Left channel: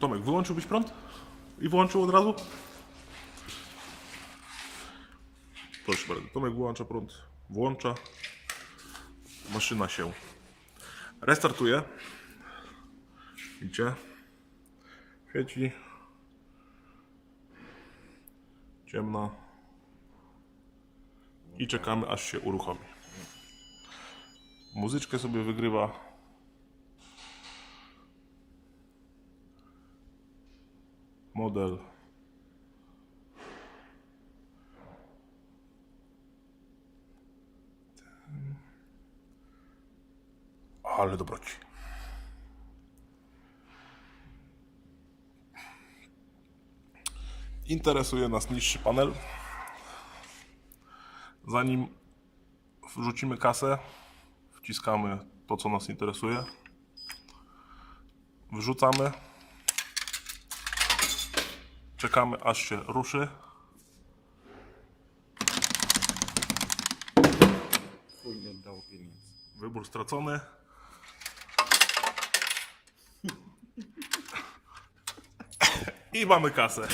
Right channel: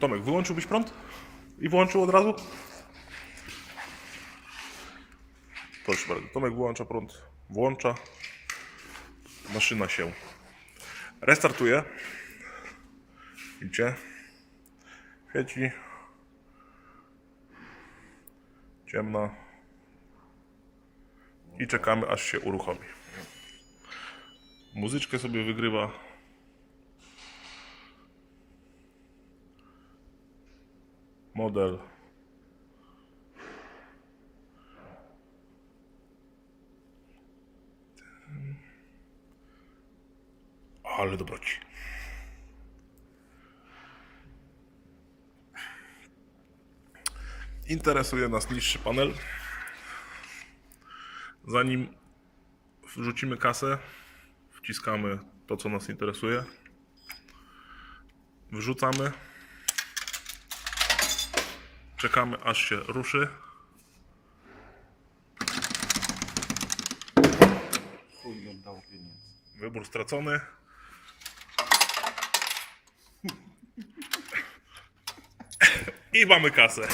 Tomek, wyłączyłbyś prąd? I włączył od razu? Proszę bardzo, Tomek wyłącza prąd, włącza. Maszyna się restartuje. Widzicie? Świeci. Ciemna. I czekamy, aż się uruchomi. Muzyczkę sobie wygrywa. Model. Ale dobroci. Interesuje nas niższy panel. Zanim wrzucimy kasę, wciskamy to, co nas interesuje. Wrzucamy. Czekamy, aż się ruszy. Chuj oddał pieniądze. Wybór stracony. I mamy kasę.